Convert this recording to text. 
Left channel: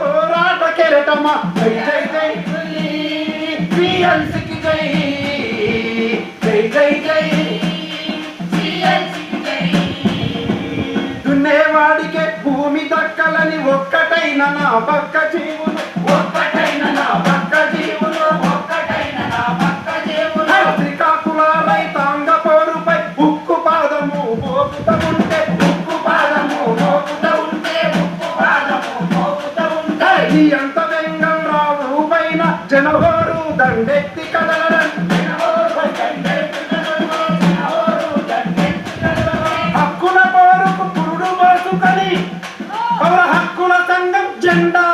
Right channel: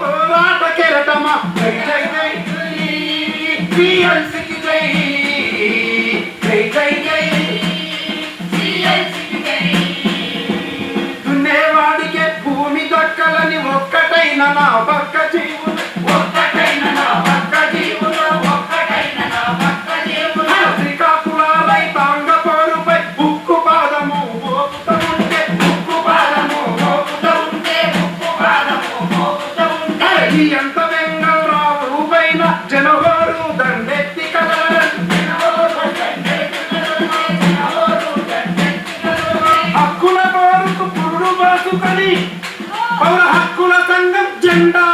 పోరాట కెరటమా జై జై జై పిఎల్సికి జై జై జై జై దున్నేవాడికే భూమి దక్కలని ఒక్కటైన నా పక్క జీవులు ఒక్కటైన నా పక్క జీవులు ఒక్కటైన నా పక్క జీవులు శ్రీకాకుళ రైతాంగ పోరుపై ఉక్కు పాదము మోపుతా ఉంటే ఉక్కు పాదము మోపుతా ఉంటే ఉక్కు పాదము మోపుతా ఉంటే ఎంత వెంగళరావు రూపైన జనవరు దండెత్తి కదలని హక్కుల పోరుకు పురుడు బతుకని పౌర హక్కుల సంఘం జెండా